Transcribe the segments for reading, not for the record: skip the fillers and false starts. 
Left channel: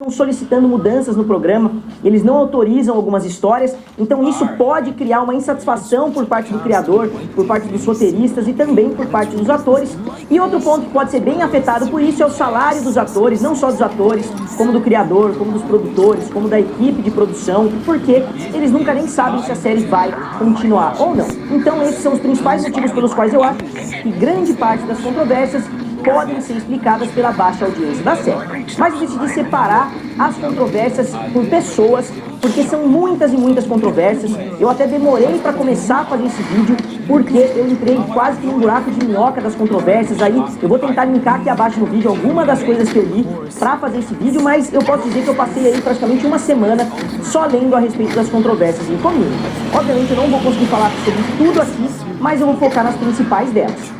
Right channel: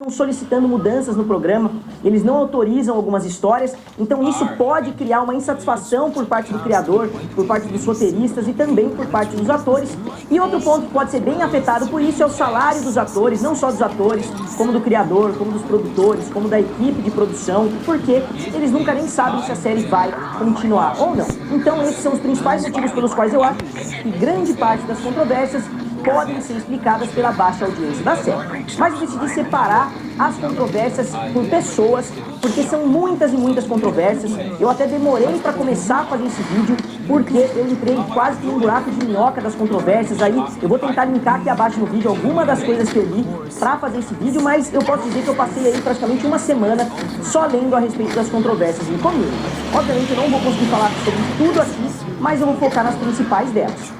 estão solicitando mudanças no programa, eles não autorizam algumas histórias, então isso pode criar uma insatisfação por parte do criador, por parte dos roteiristas e também por parte dos atores. E outro ponto que pode ser bem afetado por isso é o salário dos atores, não só dos atores, como do criador, como dos produtores, como da equipe de produção, porque eles nunca nem sabem se a série vai continuar ou não. Então esses são os principais motivos pelos quais eu acho que grande parte das controvérsias podem ser explicadas pela baixa audiência da série. Mas eu decidi separar as controvérsias com pessoas, porque são muitas e muitas controvérsias. Eu até demorei para começar a fazer esse vídeo, porque eu entrei quase que num buraco de minhoca das controvérsias. Aí eu vou tentar linkar aqui abaixo no vídeo algumas das coisas que eu li para fazer esse vídeo, mas eu posso dizer que eu passei aí praticamente uma semana só lendo a respeito das controvérsias em comum. Obviamente eu não vou conseguir falar sobre tudo aqui, mas eu vou focar nas principais delas.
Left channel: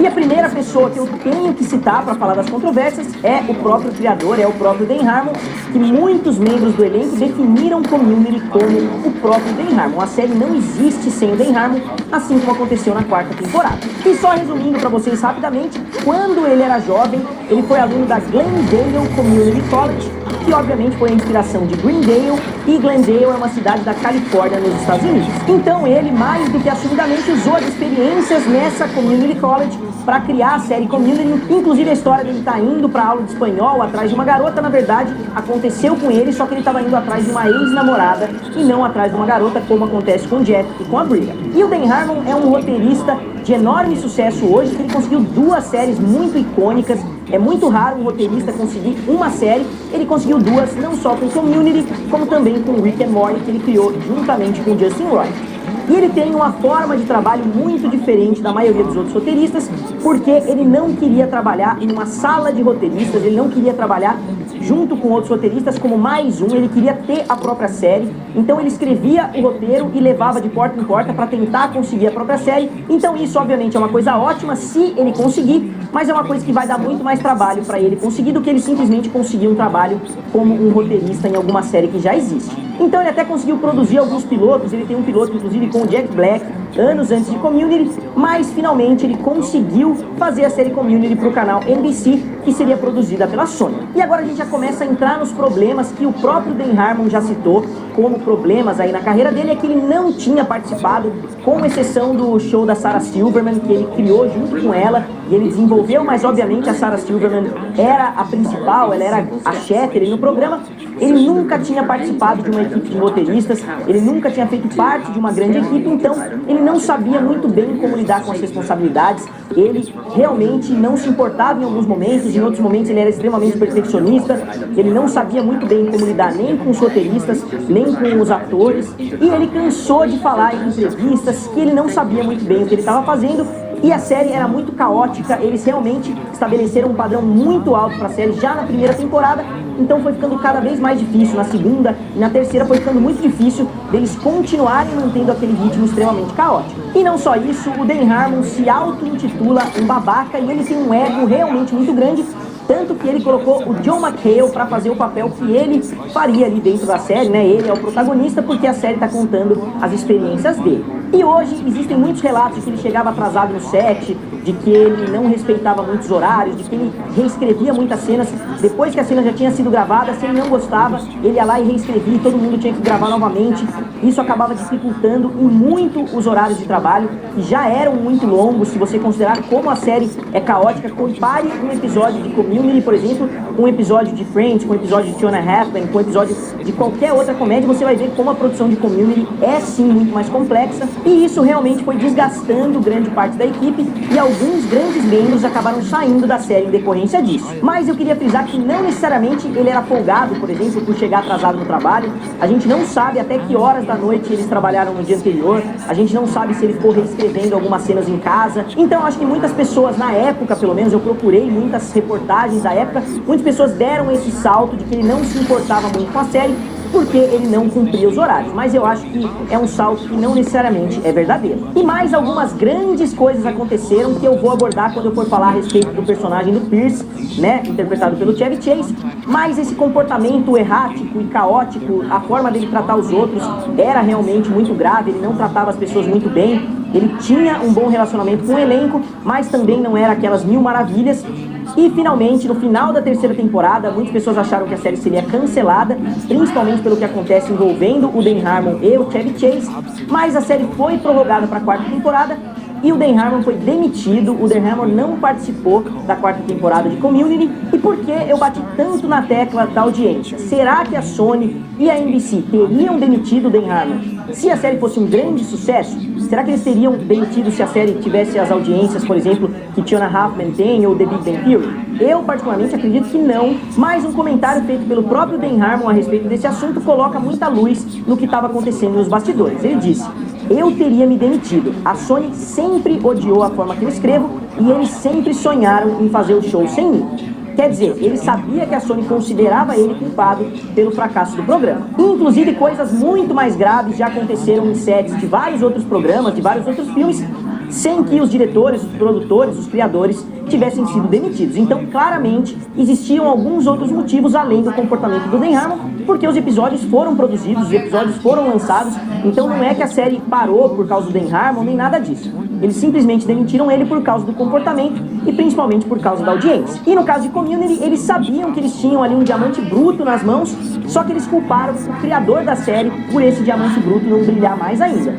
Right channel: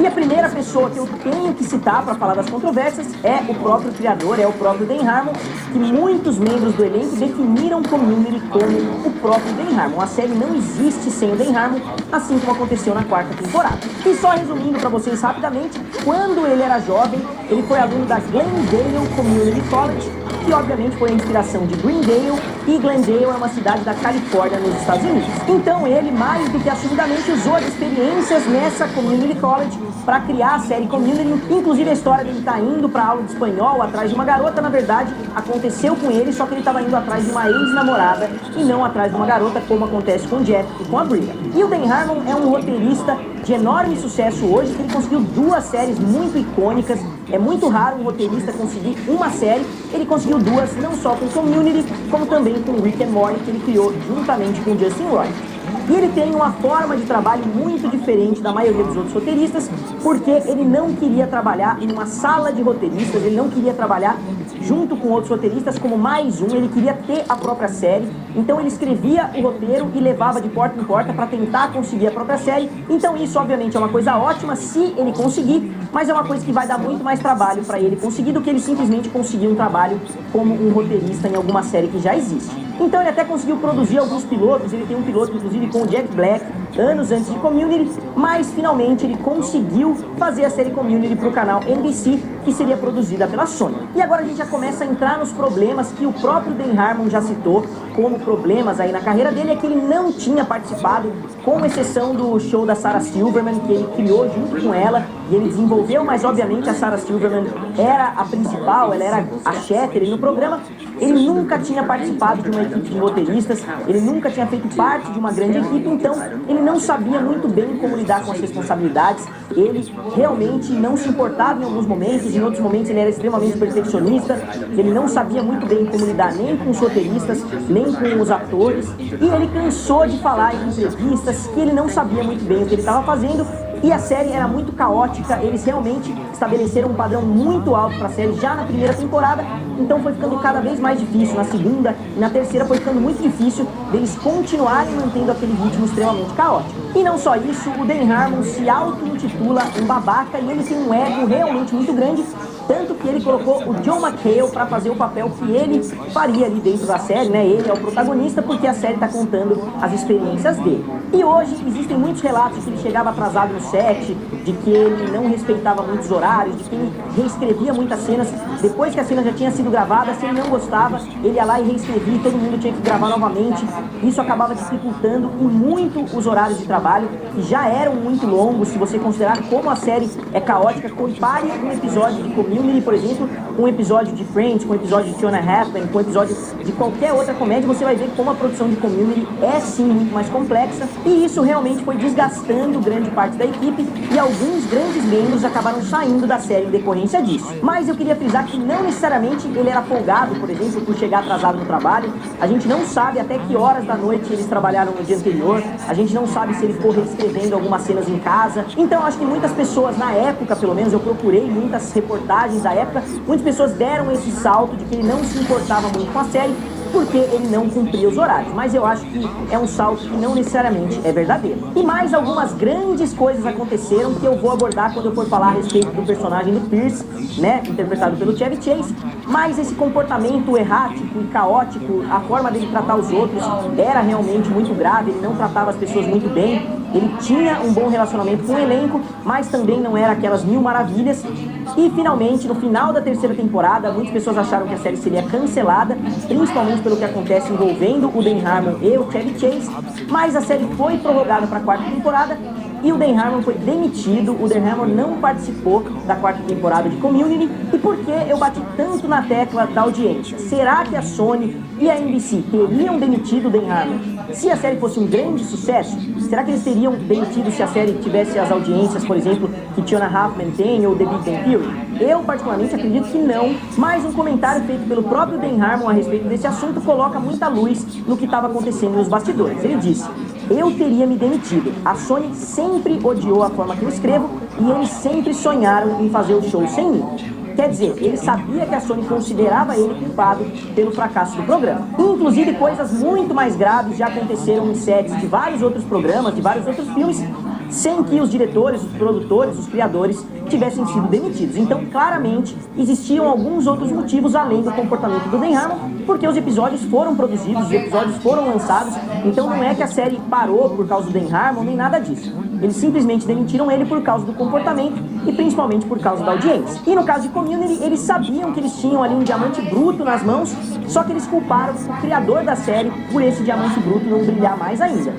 E a primeira pessoa que eu tenho que citar para falar das controvérsias é o próprio criador, é o próprio Dan Harmon, que muitos membros do elenco definiram Community como o próprio Dan Harmon. A série não existe sem o Dan Harmon, assim como aconteceu na quarta temporada. E só resumindo para vocês rapidamente, quando ele era jovem, ele foi aluno da Glendale Community College, que obviamente foi a inspiração de Greendale, e Glendale é uma cidade da Califórnia, nos Estados Unidos. Então ele, mais do que assumidamente, usou as experiências nessa Community College para criar a série Community. Inclusive a história dele tá indo para aula de espanhol atrás de uma garota, na verdade, aconteceu com ele, só que ele estava indo atrás de uma ex-namorada e não atrás de uma garota, como acontece com o Jeff e com a Bria. E o Dan Harmon é um roteirista de enorme sucesso hoje, que ele conseguiu 2 séries muito icônicas. É muito raro um roteirista conseguir uma série, ele conseguiu 2, não só com Community, como também com Rick and Morty, que ele criou juntamente com Justin Roy. E ele tem uma forma de trabalho muito diferente da maioria dos outros roteiristas, porque ele não queria trabalhar em uma sala de roteiristas, ele não queria trabalhar junto com outros roteiristas como mais um, ele queria ter a própria série. Então ele escrevia o roteiro e levava de porta em porta para tentar conseguir a própria série. Então isso obviamente é uma coisa ótima se ele conseguir, mas é uma coisa que vai dar muito mais trabalho para ele conseguir do que ele simplesmente conseguir um trabalho como um roteirista em alguma série que já existe. Então ele até conseguiu produzir alguns pilotos, ele tem um piloto inclusive com o Jack Black, anos antes de Community, mas finalmente ele conseguiu fazer a série Community para o canal NBC, que seria produzida pela Sony. E agora a gente já começa a entrar nos problemas que o próprio Dan Harmon já citou, como problemas aí na carreira dele, é que ele não tinha participado, com exceção do show da Sarah Silverman, que ele criou junto com ela, e ele desenvolveu, mas obviamente a Sarah Silverman era a principal, ela era a chefe ali no programa. Ele nunca tinha participado de uma equipe de roteiristas, ele nunca tinha feito parte de uma grande equipe, então ele não sabia muito bem como lidar com as responsabilidades. Ele realmente não se importava em alguns momentos, em outros momentos ele era extremamente perfeccionista, ele não sabia muito bem como lidar nem com os roteiristas, nem com os atores, e ele cansou de falar em entrevistas que ele não sabia muito bem o que ele estava fazendo. E a série era muito caótica, eles realmente estabeleceram um padrão muito alto para a série já na primeira temporada, então foi ficando cada vez mais difícil. Na segunda e na terceira foi ficando muito difícil deles continuarem mantendo aquele ritmo extremamente caótico. E não só isso, o Dan Harmon se auto-intitula um babaca e ele tem um ego realmente muito grande, tanto que ele colocou o John McHale para fazer o papel que ele faria ali dentro da série, né? Ele é o protagonista porque a série está contando as experiências dele. E hoje existem muitos relatos de que ele chegava atrasado no set, de que ele não respeitava muitos horários, de que ele reescrevia muitas cenas. Depois que a cena já tinha sido gravada, se ele não gostava, ele ia lá e reescrevia, todo mundo tinha que gravar novamente. Isso acabava dificultando muito os horários de trabalho, que já eram muito longos. Se você considerar como a série é caótica, compare um episódio de Community, por exemplo, com um episódio de Friends, com um episódio de Two and a Half Men, com um episódio de qualquer outra comédia, você vai ver como a produção de Community é sim muito mais complexa, e isso realmente foi desgastando grande parte da equipe, e alguns grandes membros acabaram saindo da série em decorrência disso. Mas eu queria frisar que não necessariamente ele era folgado, por exemplo, por chegar atrasado no trabalho. A gente não sabe até que horas da noite eles trabalharam no dia anterior, a gente não sabe se ele ficou reescrevendo algumas cenas em casa. Então acho que muitas pessoas na época, pelo menos eu procurei muitas reportagens da época, muitas pessoas deram esse salto de que ele não se importava muito com a série, porque ele não cumpria os horários, mas eu acho que é um salto que não necessariamente é verdadeiro. E mais algumas grandes coisas aconteceram que eu vou abordar quando eu for falar a respeito do personagem do Pierce, né, interpretado pelo Chevy Chase, mas esse comportamento errático e caótico, a forma dele tratar os outros era realmente muito grave, ele não tratava as pessoas muito bem, ele tinha um bom relacionamento com o elenco, mas também não era aquelas mil maravilhas. E finalmente, no final da terceira temporada, muitas pessoas acharam que a série seria cancelada, principalmente pelo que acontece envolvendo o Dan Harmon e o Chevy Chase, mas a série foi prorrogada para a quarta temporada e o Dan Harmon foi demitido. O Dan Harmon não participou da quarta temporada de Community. E por que eu bati tanto na tecla da audiência? Será que a Sony e a NBC teriam demitido o Dan Harmon se a série fosse um grande sucesso? Será que eles teriam demitido se a série tivesse as audiências, por exemplo, que Fiona Huffman tem ou The Big Bang Theory? Eu, particularmente, acredito que não, mas um comentário feito pelo próprio Dan Harmon a respeito desse assunto coloca muita luz no que estava acontecendo nos bastidores. Ele disse: eu teria me demitido. A Sony sempre odiou a forma que eu escrevo e eles sempre sonharam em fazer o show sem mim. Quer dizer, ele sabia que a Sony considerava ele culpado pelo fracasso do programa. Inclusive, coisas muito mais graves já aconteceram em sets de vários outros programas, de vários outros filmes, sem que os diretores, os produtores, os criadores tivessem sido demitidos. Então, claramente, existiam alguns outros motivos além do comportamento do Dan Harmon, porque os episódios foram produzidos, os episódios foram lançados, então não é que a série parou por causa do Dan Harmon, nem nada disso. Eles simplesmente demitiram ele por causa do comportamento e principalmente por causa da audiência. E no caso de Community, eles sabiam que eles tinham ali um diamante bruto nas mãos, só que eles culparam o criador da série por esse diamante bruto não brilhar mais ainda.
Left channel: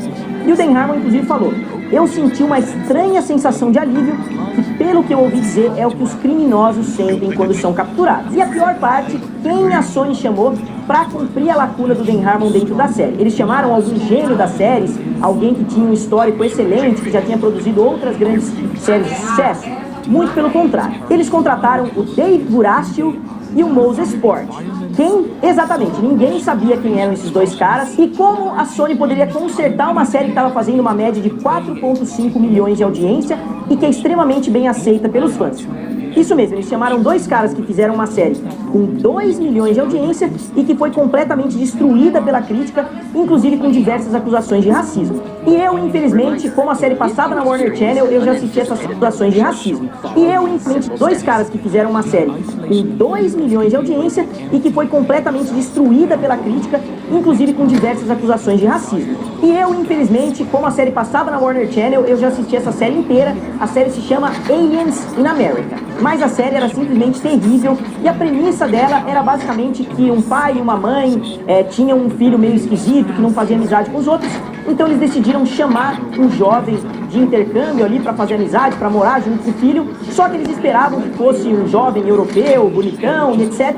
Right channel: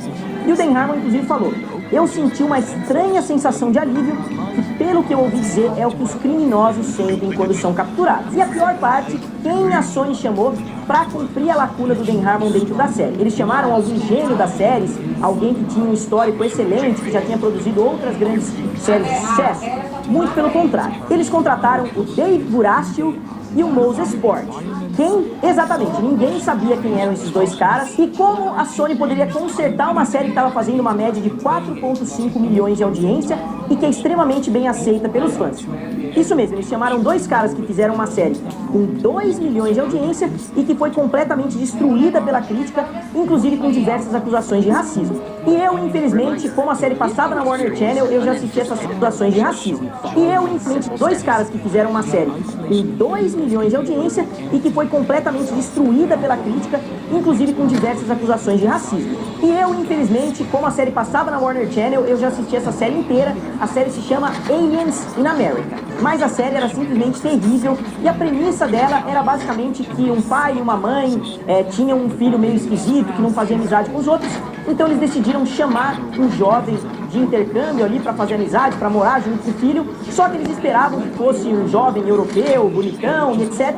E o Dan Harmon, inclusive, falou: eu senti uma estranha sensação de alívio, que pelo que eu ouvi dizer é o que os criminosos sentem quando são capturados. E a pior parte, quem a Sony chamou para cumprir a lacuna do Dan Harmon dentro da série? Eles chamaram algum gênio das séries, alguém que tinha um histórico excelente, que já tinha produzido outras grandes séries de sucesso? Muito pelo contrário. Eles contrataram o Dave Burastil e o Moses Port. Quem? Exatamente, ninguém sabia quem eram esses dois caras e como a Sony poderia consertar uma série que estava fazendo uma média de 4,5 milhões de audiência e que é extremamente bem aceita pelos fãs. Isso mesmo, eles chamaram dois caras que fizeram uma série com 2 milhões de audiência e que foi completamente destruída pela crítica, inclusive com diversas acusações de racismo. E eu, infelizmente, como a série passava na Warner Channel, eu já assisti essas acusações de racismo. E eu, infelizmente, dois caras que fizeram uma série com 2 milhões de audiência e que foi completamente destruída pela crítica, inclusive com diversas acusações de racismo. E eu, infelizmente, como a série passava na Warner Channel, eu já assisti essa série inteira. A série se chama Aliens in America. Mas a série era simplesmente terrível e a premissa dela era basicamente que um pai e uma mãe tinham um filho meio esquisito, que não fazia amizade com os outros, então eles decidiram chamar um jovem de intercâmbio ali para fazer amizade, para morar junto com o filho, só que eles esperavam que fosse um jovem europeu, bonitão e etc,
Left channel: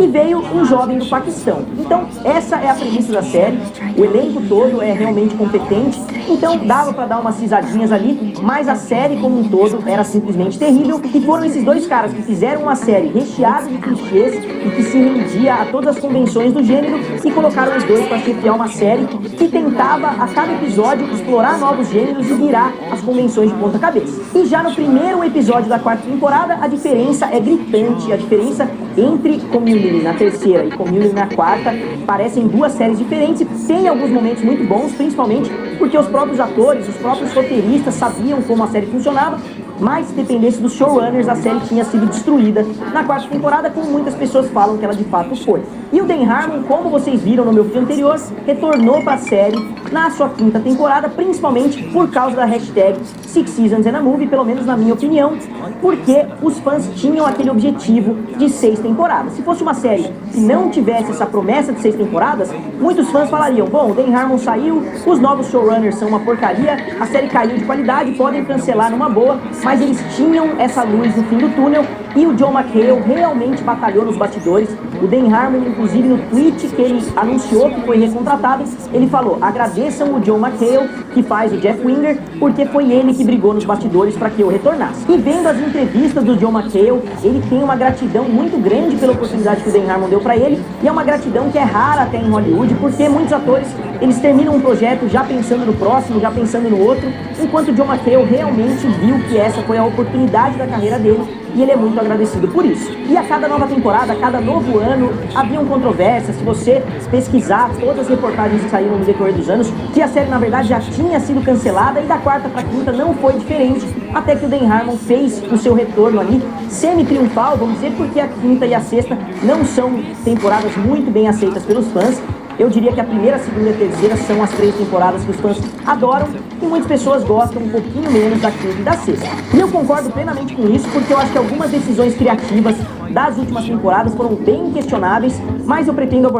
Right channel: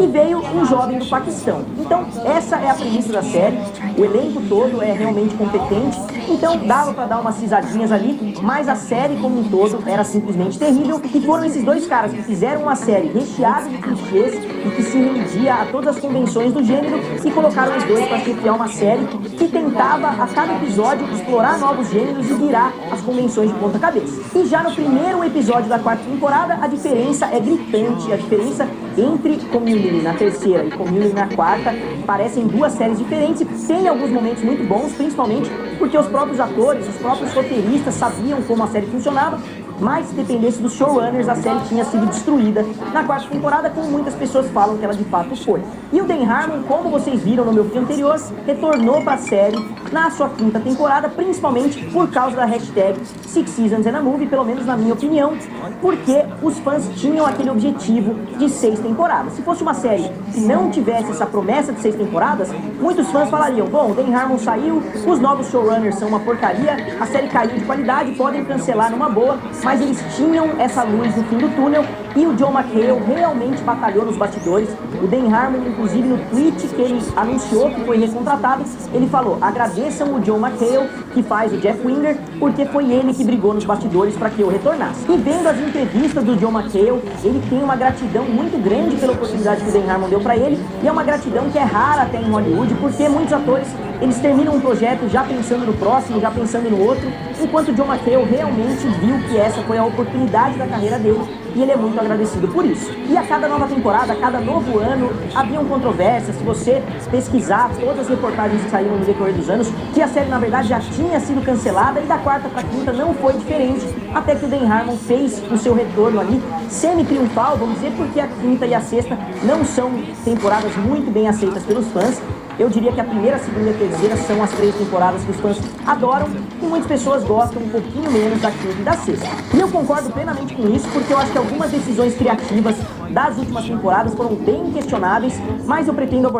e veio um jovem do Paquistão. Então essa é a premissa da série, o elenco todo é realmente competente, então dava para dar umas risadinhas ali, mas a série como um todo era simplesmente terrível, e foram esses dois caras que fizeram uma série recheada de clichês e que se rendia a todas as convenções do gênero e colocaram os dois para chefiar uma série que tentava a cada episódio explorar novos gêneros e virar as convenções de ponta cabeça. E já no primeiro episódio da quarta temporada, a diferença é gritante. A diferença entre Community na terceira e Community na quarta parecem duas séries diferentes. Tem alguns momentos muito bons, principalmente porque os próprios atores, os próprios roteiristas sabiam como a série funcionava, mas se dependesse dos showrunners, a série tinha sido destruída na quarta temporada, como muitas pessoas falam que ela de fato foi. E o Dan Harmon, como vocês viram no meu vídeo anterior, retornou para a série na sua quinta temporada, principalmente por causa da hashtag Six Seasons and a Movie, pelo menos na minha opinião, porque os fãs tinham aquele objetivo de 6 temporadas. Se fosse uma série que não tivesse essa promessa de 6 temporadas, muitos fãs falariam: bom, o Dan Harmon saiu, os novos showrunners são uma porcaria, a série caiu de qualidade, podem cancelar numa boa, mas eles tinham essa luz no fim do túnel e o John McHale realmente batalhou nos bastidores. O Dan Harmon, inclusive, no tweet que ele anunciou que foi recontratado, ele falou: agradeçam o John McHale, que faz o Jeff Winger, porque foi ele que brigou nos bastidores para que eu retornasse. E vendo as entrevistas do John McHale, ele tem uma gratidão muito grande pela oportunidade que o Dan Harmon deu para ele, e é uma gratidão que é rara até em Hollywood, porque muitos atores, eles terminam um projeto já pensando no próximo, já pensando no outro, enquanto o John McHale realmente viu que essa foi a oportunidade da carreira dele e ele é muito agradecido por isso. E a cada nova temporada, a cada novo ano, haviam controvérsias. Se você pesquisar todas as reportagens que saíram no decorrer dos anos, que a série na verdade já tinha sido cancelada, e da quarta para quinta não foi diferente, até que o Dan Harmon fez o seu retorno ali, semi-triunfal, vamos dizer, porque a quinta e a sexta não são temporadas muito bem aceitas pelos fãs. Eu diria que a primeira, a segunda e a terceira são as 3 temporadas que os fãs adoram, e muitas pessoas gostam um pouquinho menos da quinta e da sexta. E eu concordo plenamente com isso, porque eu acho que algumas decisões criativas das últimas temporadas foram bem questionáveis, mas eu pretendo abordar